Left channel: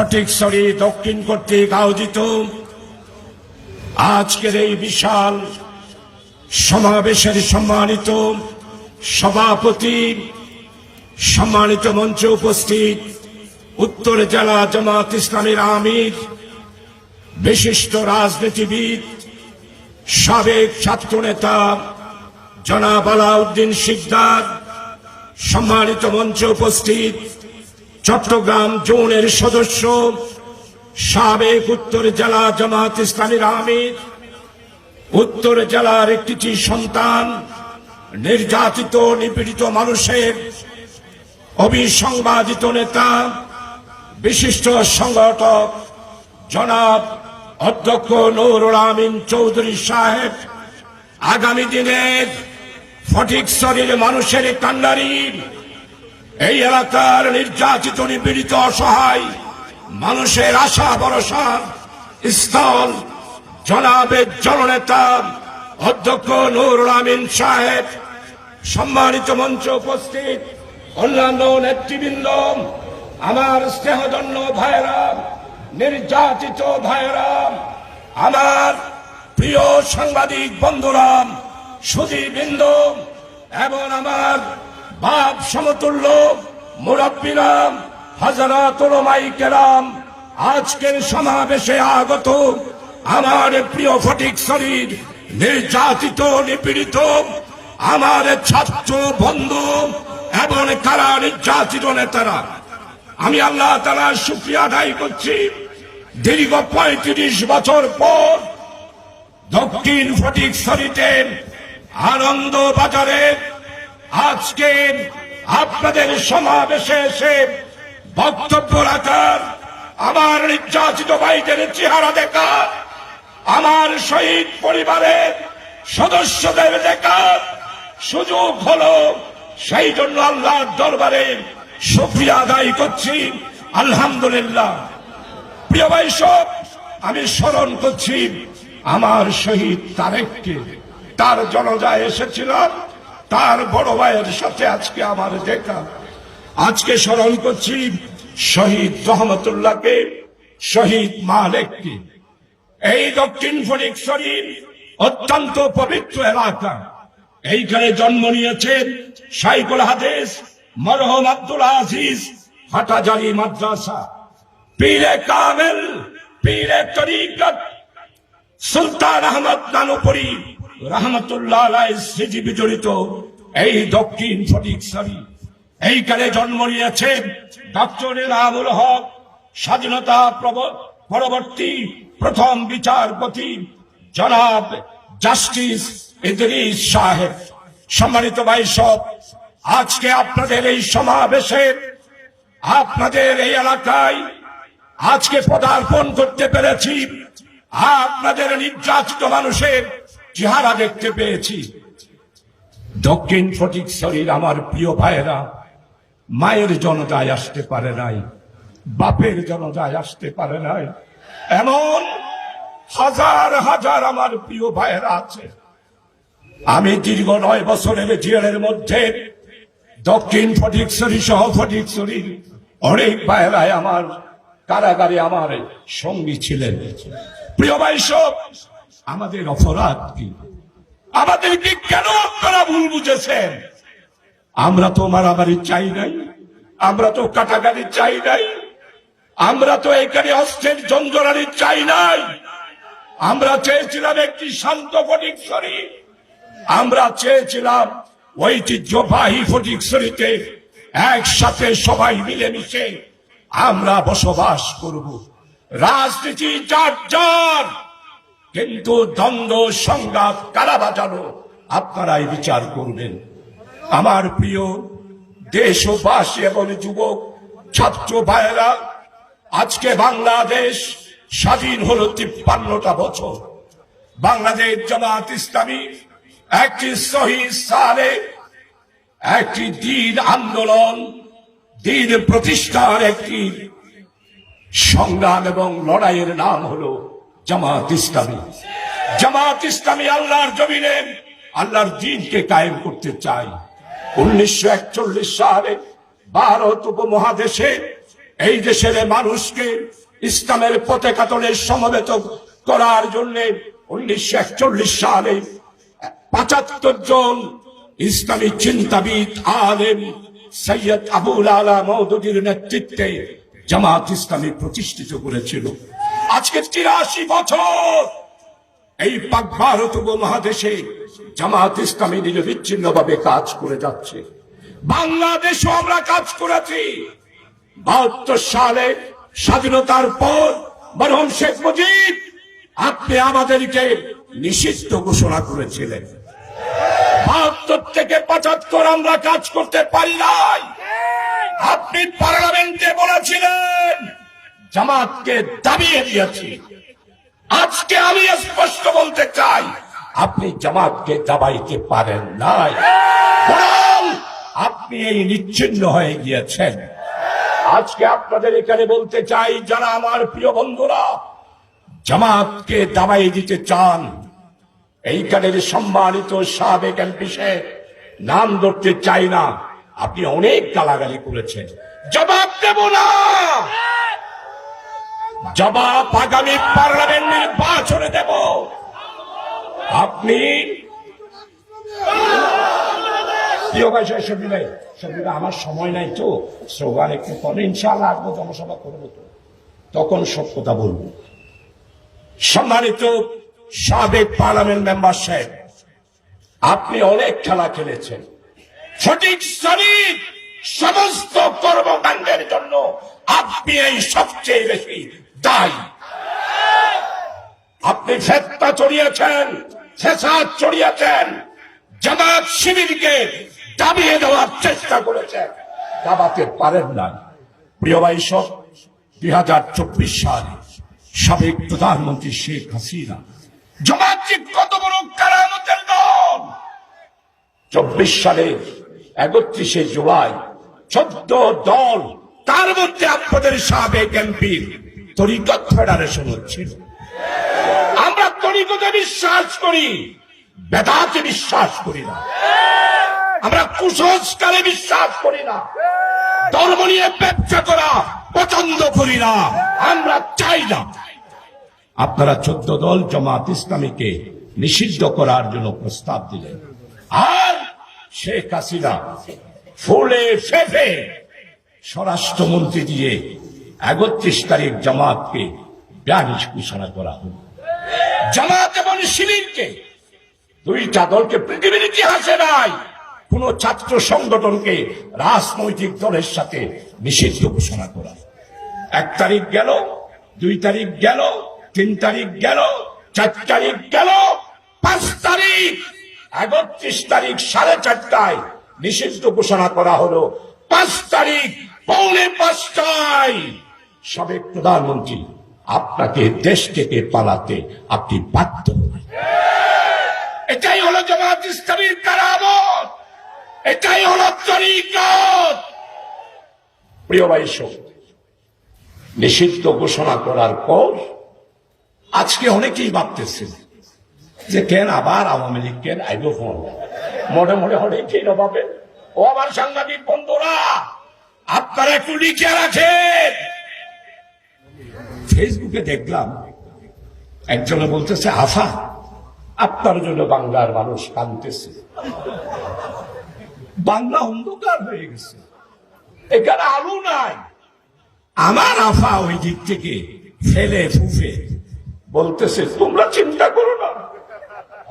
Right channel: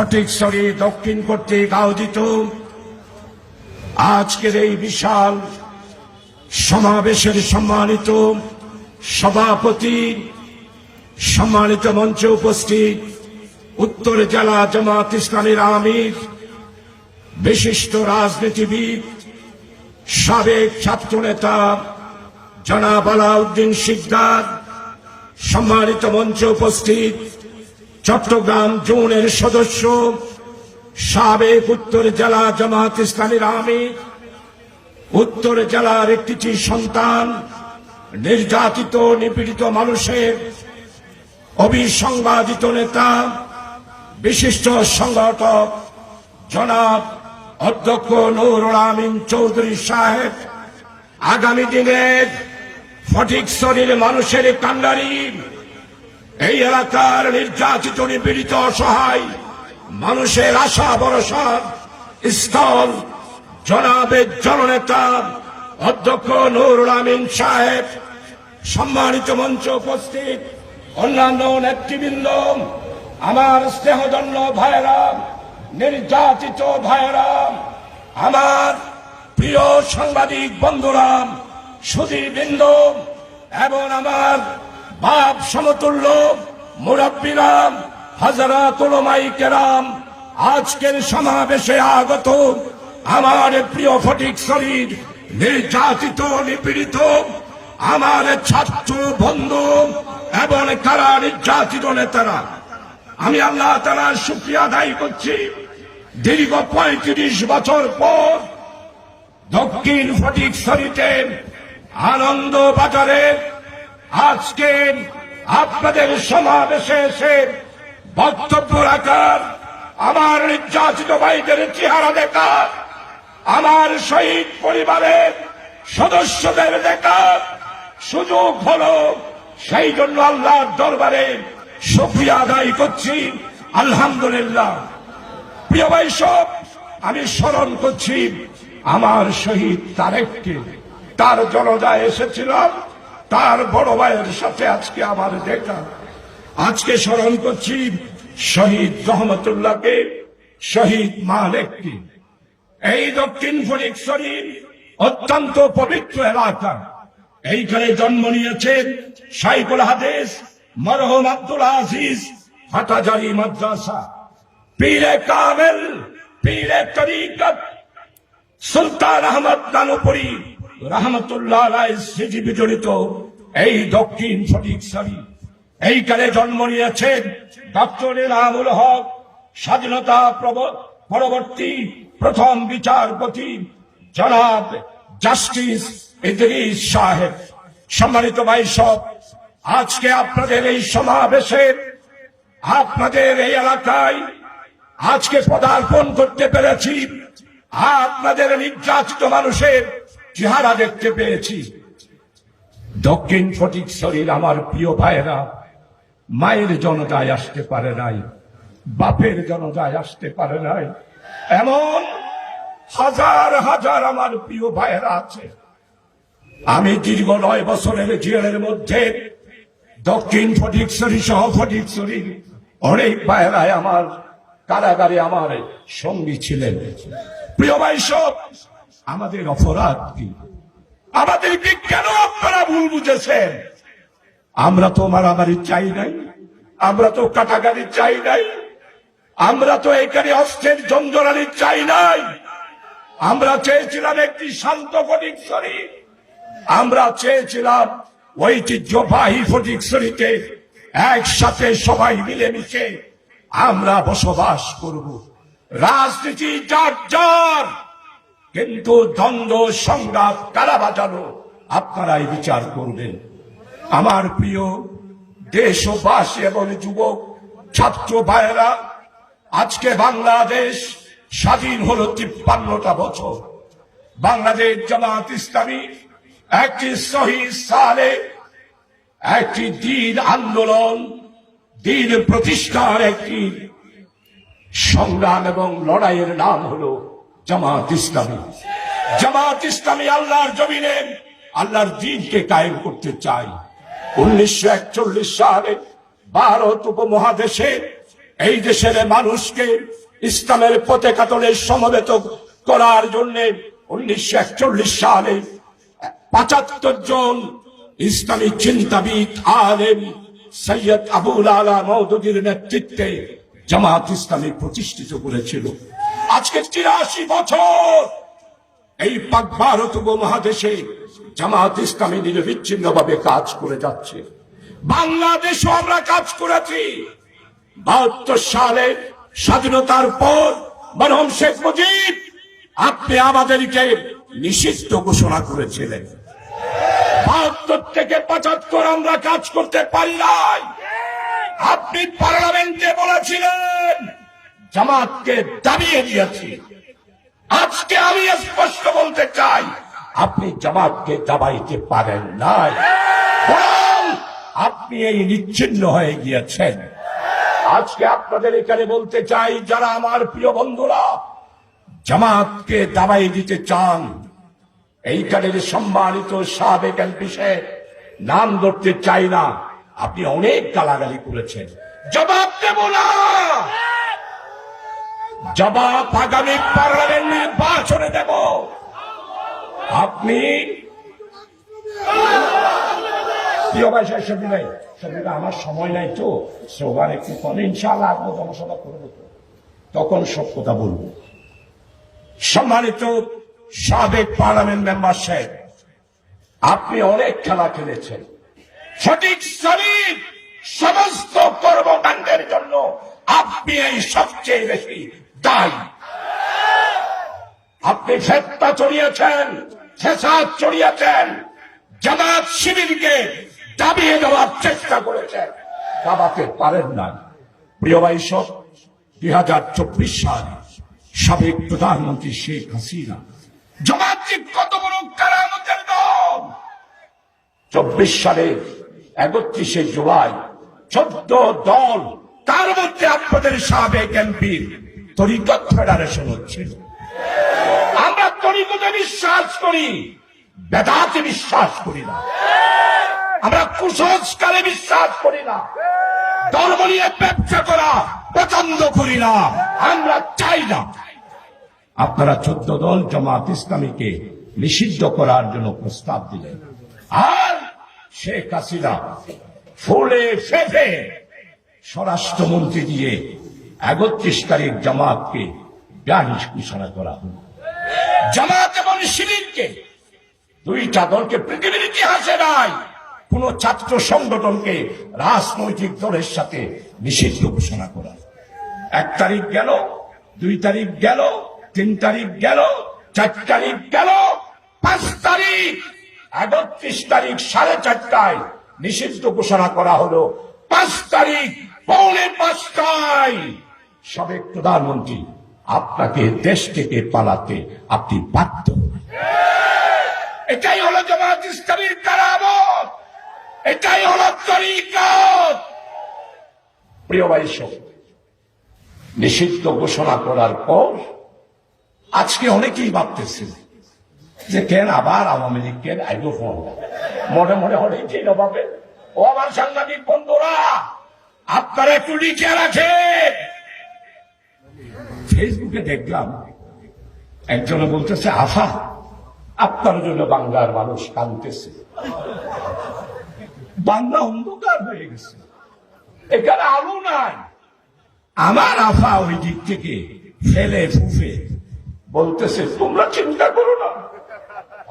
ফটিকছড়ি দক্ষিণ কর্তৃক আয়োজিত আজকের এই বিশাল সমাবেশের সম্মানিত সভাপতি, সম্মানিত মঞ্চে উপস্থিত উত্তর জেলা জামায়াত ইসলামীর আমির, বিশিষ্ট রাজনীতিবিদ, সাবেক ছাত্রনেতা জনাব আলাউদ্দিন শিকদার, সম্মানিত মঞ্চে উপস্থিত চট্টগ্রাম জোনের সদস্য, সাবেক উত্তর জেলা জামায়াত ইসলামীর আমির, উত্তর জেলার একটি সন্তান, নির্যাতিত নিপীড়িত মানুষের অবিসংবাদিত নেতা, বিশিষ্ট সংগঠক জনাব অধ্যক্ষ নুরুল আমিন চৌধুরী সাহেব, আগামী দিনের ফটিকছড়ির মানুষের কান্ডারি, এই এলাকার নির্যাতিত নিপীড়িত অসহায় মানুষের আশা ভরসার স্থল জনাবের জননেতা অধ্যক্ষ নুরুল আমিন সাহেব, সম্মানিত মঞ্চে উপস্থিত অন্যান্য নেতৃবৃন্দ, আমার স্নেহধন্য ভাইয়েরা, নির্যাতিত ভাইয়েরা, আমার প্রিয় সাংবাদিক বন্ধুরা, সুধীবৃন্দ এবং আমার বাপ সমতুল্য মুরব্বীরা, হাজারাত উলামায়ে কেরাম, আজকের সমাবেশে আগত আমার প্রিয় ফটিকছড়ির নির্যাতিত নিপীড়িত আমার ছাত্র বন্ধু এবং কারা নির্যাতিত নেতারা, আমি আল্লাহ তাআলার শুকরিয়া আদায় করছি। দীর্ঘ ৩৫ বছর পর দক্ষিণ ফটিকছড়িতে আনন্দ বাজারে আজকে আপনাদের সমাবেশে এসে বক্তব্য রাখার, আমার নির্যাতিত ভাইদের চেহারা দেখার, আমার শহীদ পরিবারের সদস্যদের দেখার সুযোগ হলো, সেই জন্য আল্লাহর দরবারে শুকরিয়া আদায় করছি। আলহামদুলিল্লাহ। প্রিয় ভাই সব, আমি স্মরণ করছি আমার শহীদ তারেককে, তার জানাজায় এসেছিলাম, তার বড় ভাইয়ের সাথে আজকে আমার দেখা। আজকে স্মরণ করছি শহীদ রহমতুল্লাহকে, শহীদ মালেককে। এই দক্ষিণ ফটিকছড়ির অত্যন্ত পবিত্র এলাকা, এইখানে জন্ম নিয়েছেন শাইখুল হাদিস মরহুম আব্দুল আজিজ হাটাজারি মাদ্রাসা, পীরে কামেল, পীরে তরিকত সুলতান আহমদ নানুপুরি রহমতুল্লাহ আলাইহি স্মৃতি বিজড়িত এই দক্ষিণ ফটিকছড়ি। এইখানে জন্ম নিয়েছেন ডক্টর এনামুল হক, স্বাধীনতা পরবর্তী প্রথম বিচারপতি জনাব জাস্টিস ইদ্রিস সাহেব। সম্মানিত ভাই সব, আজকে আপনাদের এই সমাবেশে, আপনাদের এই এলাকায় আজকে পদার্পণ করতে পেরেছি, আপনাদের নির্যাতিত মানুষের চেহারা দেখতে পেয়েছি। দক্ষিণ ফটিকছড়ির আমার প্রিয় ভাইয়েরা মায়ের জনতায় আসতে পারে নাই, বাপের জনতায় আসতে পারে নাই, এমন হাজার হাজার আমার প্রিয় ভাইয়েরা আছে। আমি দীর্ঘ 9 বছরের জেলের মধ্যে দক্ষিণ ফটিকছড়ি সহ ফটিকছড়ির অনেক ভাইয়েরাই আমার কারাগারে আমার সঙ্গী ছিলেন। প্রিয় ভাই সব, আমাদের অপরাধ কি? আমাদেরকে কেন আপনারা ভুল বুঝেছেন? আমরা তো মারামারি চাই নাই, আমরা তো কাটাকাটি চাই নাই, আমরা তো এখানে অস্ত্রের জঞ্জরানি চাই নাই। আমরা চেয়েছিলাম একটি শান্ত ফটিকছড়ি, আমরা চেয়েছিলাম ঐতিহ্যবাহী ফটিকছড়িতে একসাথে সবাই মিলেমিশে আমরা বসবাস করব। রাজনীতি যার যার, কিন্তু দ্বন্দ্ব সংঘাত কারা বাজানো আপনারাই বিচার করবেন। আমার প্রিয় দেশবাসী এবং যুবক ছাত্র ভাইয়েরা, আজকে বাংলাদেশ স্বাধীন হলো 53টা বছর। বাংলাদেশ জামায়াত ইসলামী একটি সহিহ সালে একটি দ্বীন আন্দোলন, দ্বীন প্রতিষ্ঠার একটি সংগ্রাম এবং লড়াইয়ের নাম হলো জামায়াত ইসলামী। জামায়াত ইসলামী আল্লাহর জমিনে আল্লাহর দ্বীনকে কায়েম করতে চায়। 1941 সালে ভারত উপমহাদেশে এই দেশের মানুষকে ইসলামের পতাকা তলে সমবেত করার জন্য 1941 সালে 75 জন ইসলামী চিন্তাবিদ আলেম সৈয়দ আবুল আলা মওদুদীর নেতৃত্বে জামাত ইসলামী প্রতিষ্ঠিত করেছিল। আজকে 83 বছর এই পাক ভারত উপমহাদেশে জামাত ইসলামী নিরবিচ্ছিন্নভাবে কাজ করে যাচ্ছে। বাংলাদেশও আমরা কাজ করেছি। 72 সালে স্বাধীনতার পর মরহুম শেখ মুজিব আপনি আমাদেরকে নিষিদ্ধ ঘোষণা করেছিলেন। 72 থেকে 75 আমরা কাজ করতে পারি নাই। আপনি পার্লামেন্টে বলেছিলেন জামাতকে দাবিয়ে দিয়েছি। আজকে আমি স্পষ্ট বলতে চাই আপনি জামাতকে দাবাইতে পারেন নাই, বরং আপনি এই নিচ্ছিন্ন হয়ে গিয়েছেন। আজকে আপনাদের এখানে বলতে চাই, যারা আমার প্রিয় বন্ধুরা জামাতকে দাবাই দিতে চান, এইখানের সম্মানিত সাবেক এমপি সাহেব, নাম ধরতে চাই না, আপনি অনেক গালাগালি করেছেন। জবাব দেব না, জবাব আগামী পার্লামেন্ট নির্বাচনে দেব। আপনি আমার সময় নাই তো, স্লোগান একটু কমে ইনশাআল্লাহ আপনার জনসভা করবো, তো তখন সব কথা বলবো। সম্মানিত সাবেক পার্লামেন্ট মেম্বার সাহেব, আপনি অনেক খেলা খেলেছেন। সঠিক শ্রমিক সমস্ত কর্মকাণ্ডের জন্য আপনি এই সবচেয়ে বেশি দায়ী। আপনি ফেতনা চড়িয়েছেন, ফ্যাসাদ চড়িয়েছেন, জামাত শিবিরকে দাবিয়ে দেওয়ার চেষ্টা করেছেন, দাবাতে পারেন না। প্রিয় ভাই সব, 2024 সালে সাবেক প্রধানমন্ত্রী শেখ হাসিনা জামাতকে কত বড় কারামতের দল। 24 সালে 31 জুলাই 14 দল, তার মধ্যে আপনাদের সাবেক এমপির তরিকত ফেডারেশন হচ্ছিল। আমরা তরিকতে বিশ্বাস করি, বেদাতে বিশ্বাস করি না। আমরা কুসংস্কারে বিশ্বাস করি না। ধর্ম নিয়ে ব্যবসা করা পছন্দ করি না, আমরা চাই না। আপনারা 14 দল জামাত ইসলামীকে নিষিদ্ধ করার জন্য প্রস্তাব দিলেন, আর শেখ হাসিনা ফুলে ফেঁপে স্বরাষ্ট্রমন্ত্রী দিয়ে 31 তারিখ জামাতকে ব্যানিশ ঘোষণা করা হল। জামাত এবং শিবিরকে, দুইটা দলকে পৃথিবীর ইতিহাসে নাই কোন ছাত্র সংগঠনকে রাজনৈতিক দলের সাথে নিষিদ্ধ ঘোষণা করা। 1 তারিখ গেল, 2 তারিখ গেল, 3 তারিখ গেল, 4 তারিখ গেল, 5 তারিখ 31 তারিখ 4:30টায় নিষিদ্ধ ঘোষণা করা হলো। 5 তারিখ 4:45টায় সাবেক প্রধানমন্ত্রী আপনাকে দেশ থেকে পালাতে আপনি বাধ্য হলেন। এটাই হলো জামাত ইসলামীর কারামত, এটাই হলো তরিকত। প্রিয় ভাই সব, নিষিদ্ধ ঘোষণা করার পর আজকে অনেকেই ভাবতেছেন যে কেন আবার আওয়ামী লীগ কেন আইব, মনে মনে হলে কেন ভাবে। ও আমার সাংবাদিক বন্ধুরা, আপনারা একটু লিখে রাখেন। ফেসবুকে দেখলাম একজন বলতেছে, আশা আপনার জন্য বাংলার মানুষ কাঁদতেছে, বাংলা অন্ধকার হয়ে গেছে, এখানে আলো নাই। আমার আফা ওই দিক থেকে ফেলে ফুফে বলতেছে, তোমরা চিন্তা করো না,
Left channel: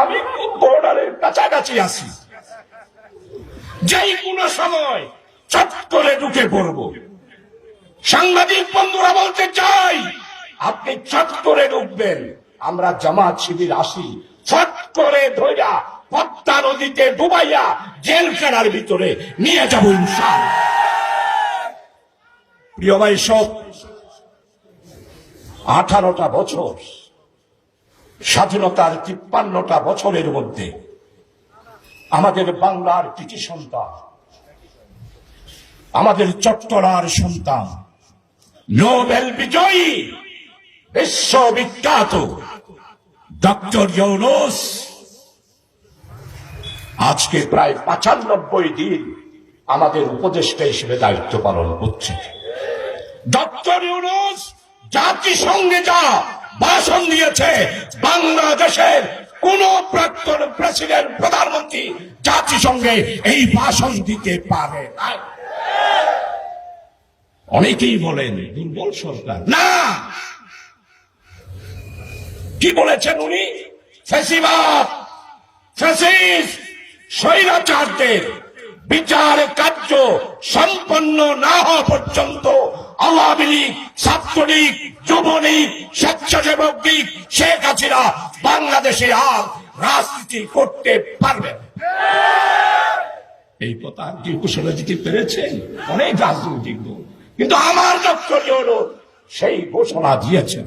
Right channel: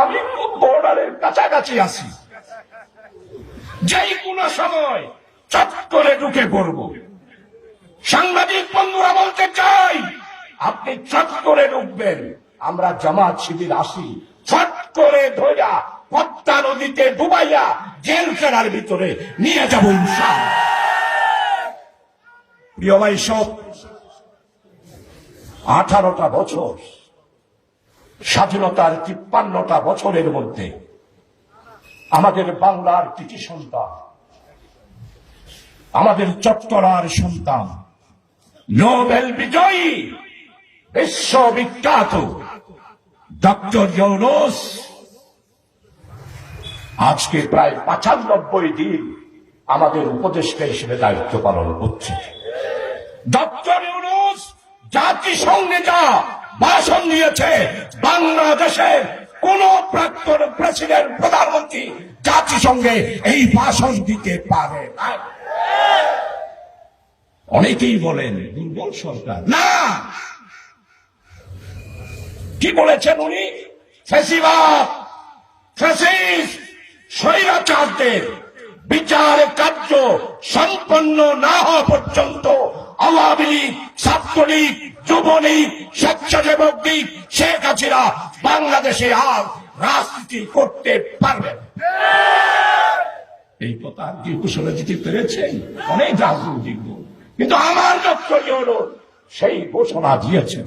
আমি খুব বর্ডারের কাছাকাছি আছি, যেই কোনো সময় চট করে ঢুকে পড়ব। সাংবাদিক বন্ধুরা বলতে চাই, আপনি চট করে ঢুকবেন, আমরা জামাত শিবির আসি, চট করে ধরা পদ্মা নদীতে ডুবাইয়া জেলখানার ভিতরে নিয়ে যাব ইনশাআল্লাহ। প্রিয় ভাই সব, 18টা বছর স্বাধীনতার 53টা বছরের মধ্যে আমাদের বাংলার কৃতি সন্তান, আমাদের চট্টলার সন্তান, নোবেল বিজয়ী বিশ্ববিখ্যাত ডক্টর ইউনূস আজকে প্রায় 95 দিন আমাদের উপদেষ্টা হিসেবে দায়িত্ব পালন করছে। ডক্টর ইউনূস জাতিসংঘে যা ভাষণ দিয়েছে, বাংলাদেশের কোন প্রাক্তন প্রেসিডেন্ট প্রধানমন্ত্রী জাতিসংঘে এই ভাষণ দিতে পারে না। অনেকেই বলেন দুর্বল সরকার, না, কি বলেছেন উনি? ফ্যাসিবাদ, ফ্যাসিস্ট, স্বৈরাচারদের বিচার কার্য সম্পন্ন না হওয়া পর্যন্ত আওয়ামী লীগ, ছাত্রলীগ, যুবলীগ, স্বেচ্ছাসেবক লীগ, শেখ হাসিনা বাংলাদেশে আর রাজনীতি করতে পারবে। এই কথা কি ঘোষণা দিতে পেরেছেন অনেক রাজনৈতিক দল, কিন্তু আমার ডক্টর ইউনূস সেই ঘোষণা দিয়েছেন।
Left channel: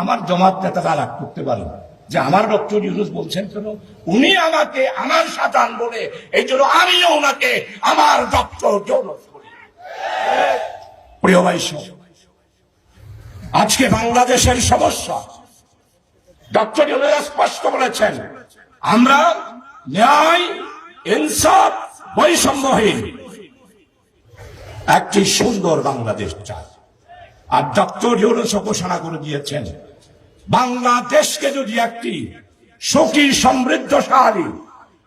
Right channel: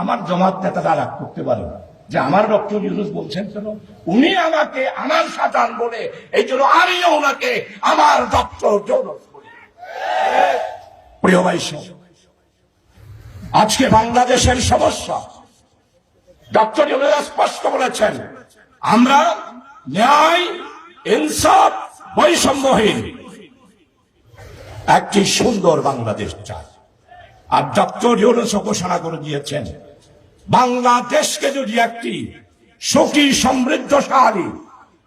আমার জামাত নেতারা রাগ করতে পারে যে আমার ডক্টর ইউনূস বলছেন কেন, উনি আমাকে আমার শাতান বলে, এই জন্য আমিও ওনাকে আমার ডক্টর ইউনূস বলি। প্রিয় ভাই, আজকে বাংলাদেশের সমস্যা ডক্টর ইউনূস স্পষ্ট বলেছেন, আমরা ন্যায়, ইনসাফ, বৈষম্যহীন একটি সুন্দর বাংলাদেশ চাই। আর ডক্টর ইউনূস ঘোষণা করে দিয়েছেন, বাংলাদেশকে যদি একটি সুখী, সমৃদ্ধশালী,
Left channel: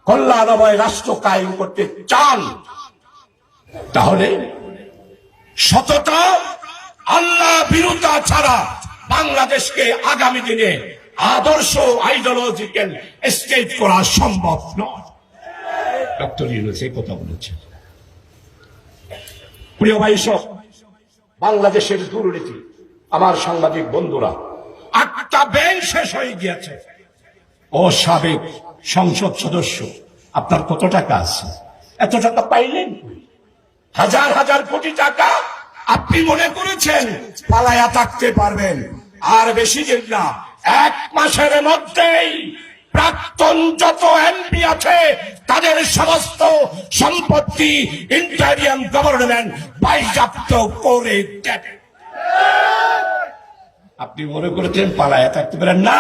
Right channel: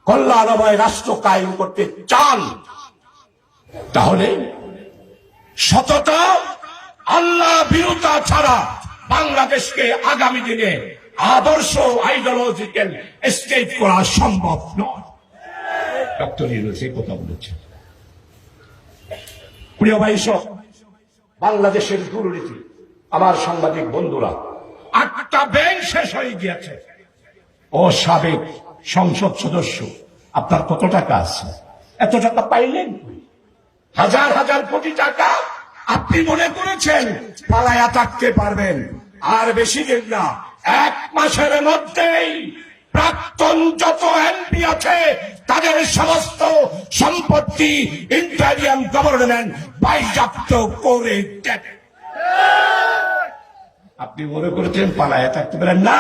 কল্যাণময় রাষ্ট্র কায়েম করতে চান, তাহলে সততা, আল্লাহ বিরুদ্ধা ছাড়া বাংলাদেশকে আগামী দিনে আদর্শ আইডিওলজিক্যাল স্টেট করা সম্ভব নয়। ডক্টর ইউনূস এই কথা বলেছেন। প্রিয় ভাই, বাংলাদেশের দুর্নীতি, আমার সাংবাদিক বন্ধুরা, একটা ব্যাংক শেষ হয়ে গিয়েছে। ও সাবেক সংসদ সদস্য, আপনার কত টাকা আছে? এত টাকা পাইলেন? হাজার হাজার কোটি টাকা আপনি মনে করেছেন পালায়া থাকতে পারবেন? আর বেশি দিন না, 1 মাসের মধ্যেই প্রাক্তন যত এমপি আছে তাদের সমস্ত সম্পত্তি ইন্টারিয়াম গভর্নমেন্ট বাজেয়াপ্ত করে দেবে। আপনি মনে করেছেন পালায়া থাকতে পারেন না?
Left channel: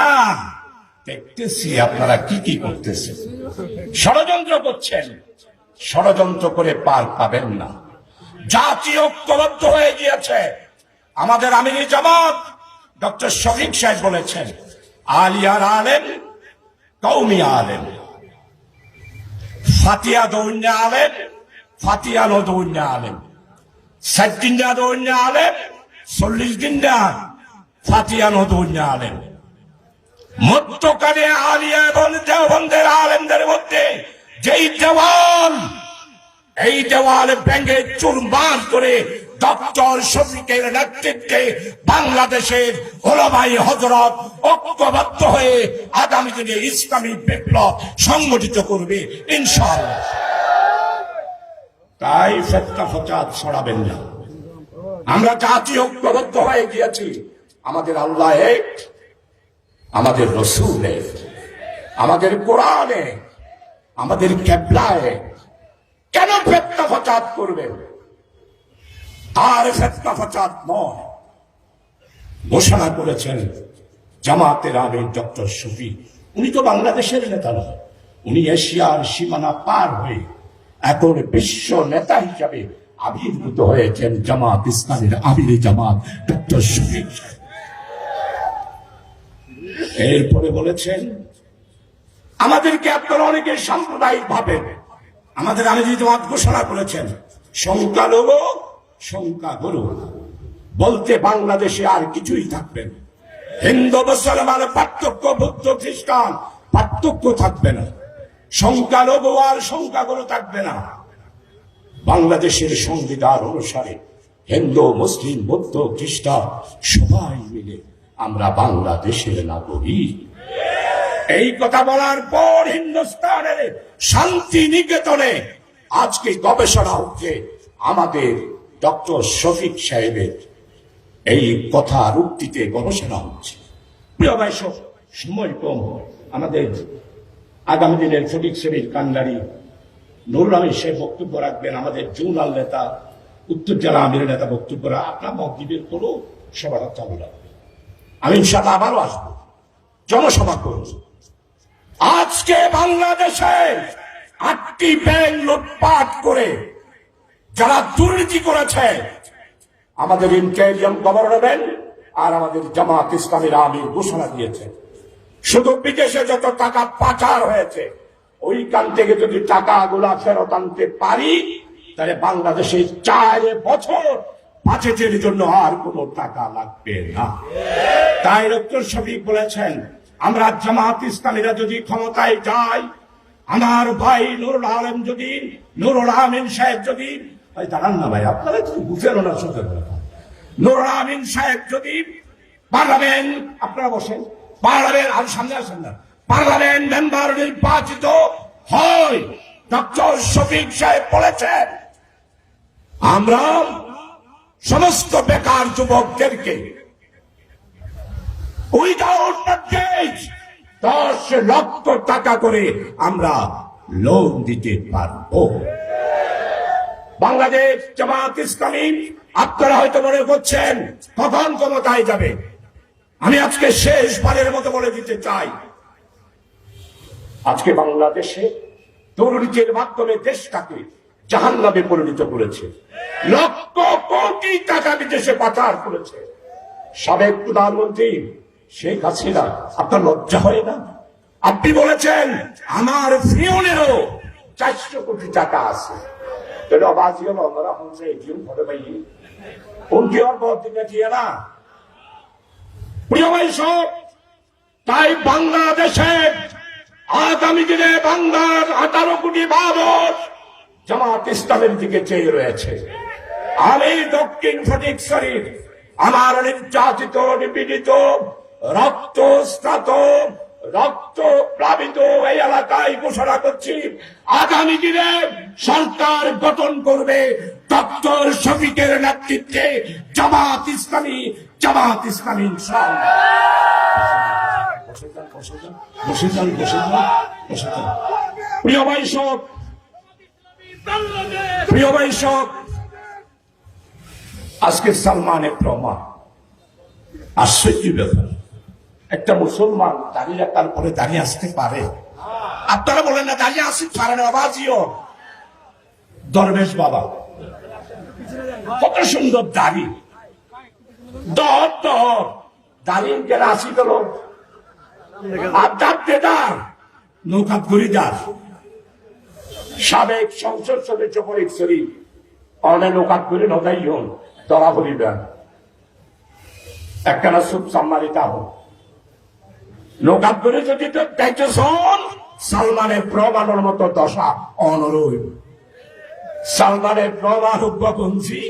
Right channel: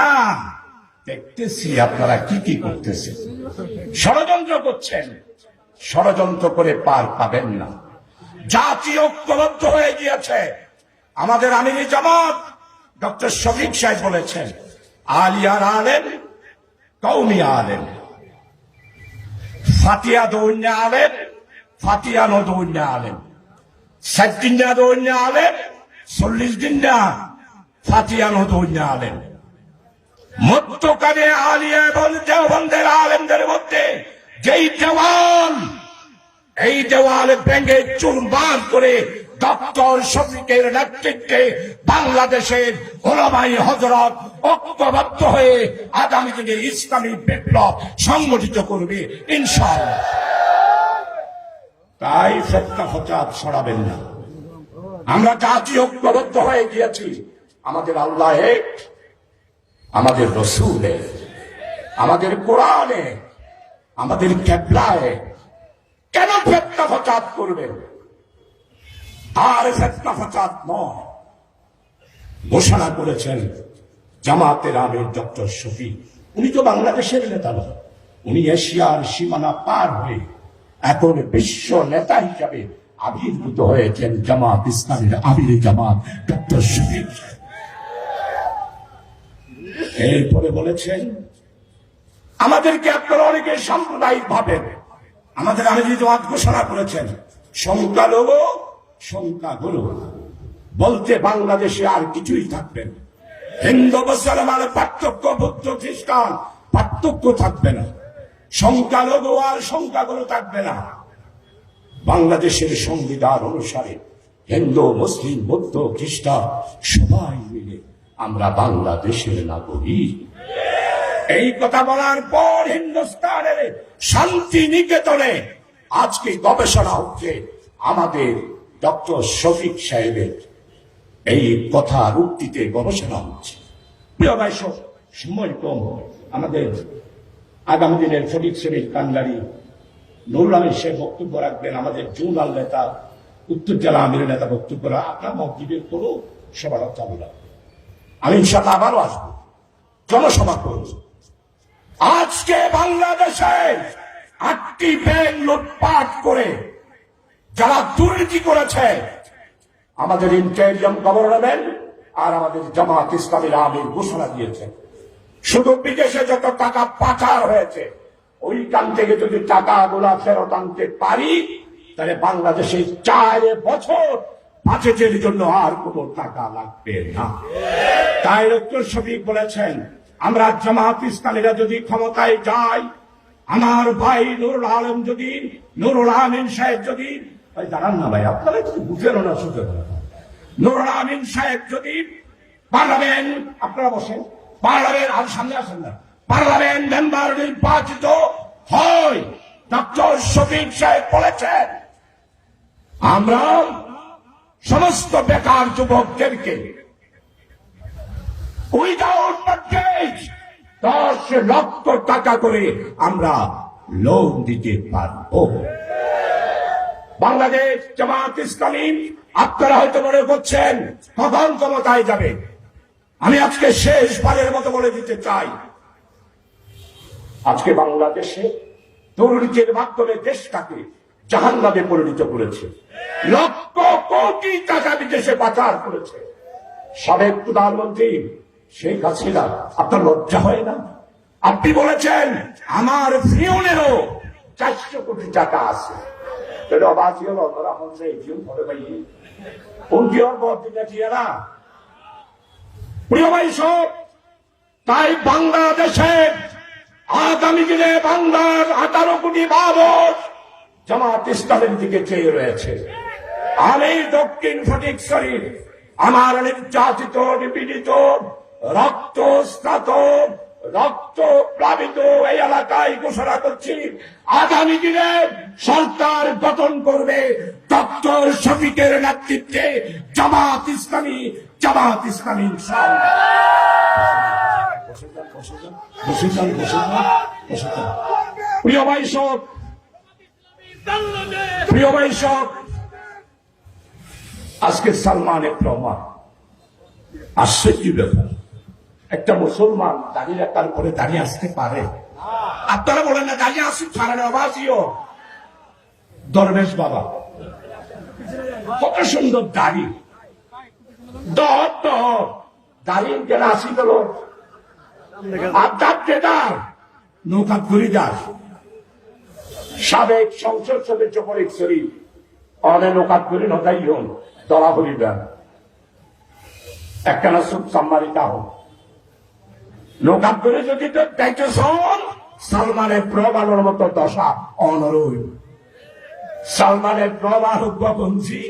দেখতেছি আপনারা কি কি করতেছেন, ষড়যন্ত্র করছেন। ষড়যন্ত্র করে পার পাবেন না। জাতি ঐক্যবদ্ধ হয়ে গিয়েছে। আমাদের আমির জামাত ডক্টর শফিক সাহেব বলেছেন, আলিয়ার আলেম, কওমি আলেম, ফাতিয়া দৌন্য আলেম, ফাতিয়া নদৌন্য আলেম, 60 দিন না দৌন্য আলেম, 40 দিন না ফাতিয়া নদৌন্য আলেম। মধ্যকালে আলিয়া এবং দেওবন্দের আলেমদের মধ্যে যেই দেওয়াল, এই দেওয়াল ভেঙে চুরমার করে ডক্টর শফিকের নেতৃত্বে বাংলাদেশের ওলামাই হযরত ঐক্যবদ্ধ হয়ে আগামী দিনে ইসলামী বিপ্লব সংগঠিত করবে ইনশাআল্লাহ। তাই ফতনা ফসাদ ছড়াবেন না। আমরা জাতি ঐক্যবদ্ধ হয়ে গিয়েছি। আমাদের আল্লাহ এক, আমাদের রাসূল এক, আমাদের কোরআন এক, আমাদের কিবলা এক। কেন ফতনা ফসাদ করবেন? আর ফতনা ফসাদ নয়। ঘোষণা করেছেন জামাতের আমির ডক্টর শফিক। উনি তো বাংলাদেশের নেতা নয়, উনি এশিয়ার সীমানা পার হয়ে এখন বিশ্ব নেতা হিসাবে আবির্ভূত হয়েছেন জামাত ইসলামের আমির জামাত ডক্টর শফিক। এরপরে বলেছেন, আমাদেরকে আপনারা অনেকে সাম্প্রদায়িক ভাবেন। আমাদের আমির জামাত ঘোষণা করেছেন, সংখ্যালঘু সংখ্যাগুরু বলতে বাংলাদেশে আর কিছুই থাকবে না। হিন্দু মুসলমানের পার্থক্য, বৌদ্ধ খ্রিস্টান পার্থক্য থাকবে না। সংখ্যালঘু আর সংখ্যাগুরু থাকবে না। বাংলাদেশের সংবিধান অনুসারে হিন্দু, মুসলিম, বৌদ্ধ, খ্রিস্টান সবাই মিলে আমরা বাংলাদেশের নাগরিক। এই কথা বলার পর হিন্দুস্তানের শান্তি নিকেতনে আজকে গবেষণা হচ্ছে আমাদের ডক্টর শফিক সাহেবের এই কথার উক্তিতে গবেষণা হচ্ছে। প্রিয় ভাই, সময় কম, আমাদের আগামী দিনের ফটিক শ্রেণীর কান্ডারি নুরুল আমিন সাহেব বক্তব্য রাখবেন। আমাদের জোনাল নেতা, উত্তর জেলা আমির নেতা বক্তব্য আপনার মসজিদের কোনো সবার চালু রাখবেন। আমি ইনশাআল্লাহ আবারও আসবো, জনসভা করব। আজকে বাংলাদেশে 8টি ব্যাংক লুটপাট করে যারা দুর্নীতি করেছে, আমাদের ইন্টেরিয়াম গভর্নমেন্ট আর আমাদের জামাত ইসলামীর আমির ঘোষণা দিয়েছে, শুধু বিদেশে যত টাকা পাচার হয়েছে ওইখান থেকে যদি টাকাগুলা ফেরত আনতে পারি তাহলে বাংলাদেশে 4 বছর বাজেটের জন্য আর কোনো টাকা লাগবে না। তাই ডক্টর শফিক বলেছেন, আমরা জামাত ইসলামীরা যদি ক্ষমতায় যাই, আমার ভাই নুরুল আমিন সাহেব যদি দাঁড়ান না ভাই, আপনারা বুঝে নেন, নুরুল আমিন সাহেব যদি পার্লামেন্ট, আপনারা বসেন, পার্লামেন্ট আর সামনে আসেন না, পার্লামেন্ট মেম্বার নির্বাচিত হয়, ডক্টর শফিক সাহেব বলেছেন আমরা সমস্ত বেকার যুবকদেরকে উইদাউট মর্টগেজ 10 লক্ষ টাকা করে আমরা লোন দিতে পারব। বাংলাদেশ জামাত ইসলামী, আপনারা হয়তো মনে করছেন কখন ক্ষমতায় যাবে। আমি আজকে শেষবারের মতো বলে দিতে চাই, আজকে বাংলাদেশে দুর্নীতির মাধ্যমে দেশটাকে জাহান্নামে পরিণত করেছে, লক্ষ কোটি টাকা বিদেশে পাচার করেছে। সাবেক প্রধানমন্ত্রী শেখ হাসিনা, আপনার লজ্জা হয় না? আপনি বলেছেন আমার ফিউনেরও 400 কোটি টাকা আছে। তাই বাংলাদেশে আগামী দিনে বাংলার 18 কোটি মানুষ জামাত ইসলামের দিকে চেয়ে রয়েছে। আমি দক্ষিণ ফটিকছড়ির আমার নির্যাতিত, নিপীড়িত, রক্তস্নাত, রক্ত প্লাবিত এই এলাকায় ঘোষণা করছি, আগামী দিনে সরকার গঠন করবে ডক্টর শফিকের নেতৃত্বে জামাত ইসলামী। প্রিয় ভাই সব, আজকে সালমানের প্রমাণ আশ্চর্য ব্যাপার, একটা মুসলমান দাঁড়িয়ে রাখার পরে দাঁড়িয়ে আসতে পারে? আপনারা বলেন না দাঁড়িয়ে আসি পারেন? আবাজিও দরবেশ বাবা, কত সুন্দর দাড়ি, দাঁড়িয়ে গেলে আসি গেল নৌকা ঘুরিদার সাবেক সংসদ সদস্য ফরিদছড়ি অনেক নৌকা ঘুরে নদাই হন দলা হরিদার একটা সুখ সম্মানিত হোক নৌকা ঘুরে যদি তো দেখছেন সালমানের প্রমাণের মতো দশা অনরূপ। সালমানের প্রমাণ হুকবঞ্চি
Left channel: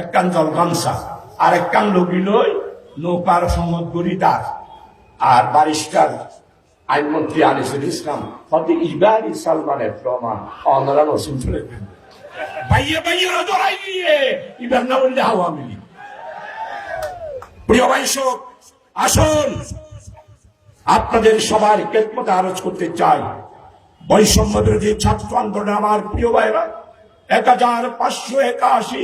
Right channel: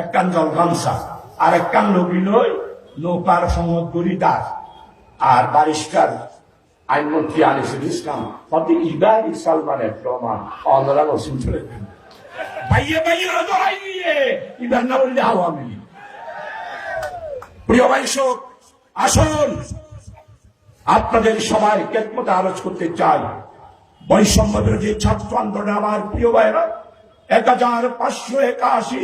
একখান জলগামসা আর একখান রবি লই নৌকার সঙ্গত ঘুরিদার আর ব্যারিস্টার আইনমন্ত্রী আনিসুল ইসলাম হতে ইবারি সালমানের প্রমাণ অনলাইন ওসিম চলে ভাইয়ে ভাইয়ে জড়াই দিয়ে ইবার না বললে আওয়ামী লীগ। প্রিয় ভাই সব, আসুন আপনাদের সবার খেদমতে আরজ করতে চাই, বৈষম্য বিরোধী ছাত্র আন্দোলনে আমার প্রিয় ভাইরা 1581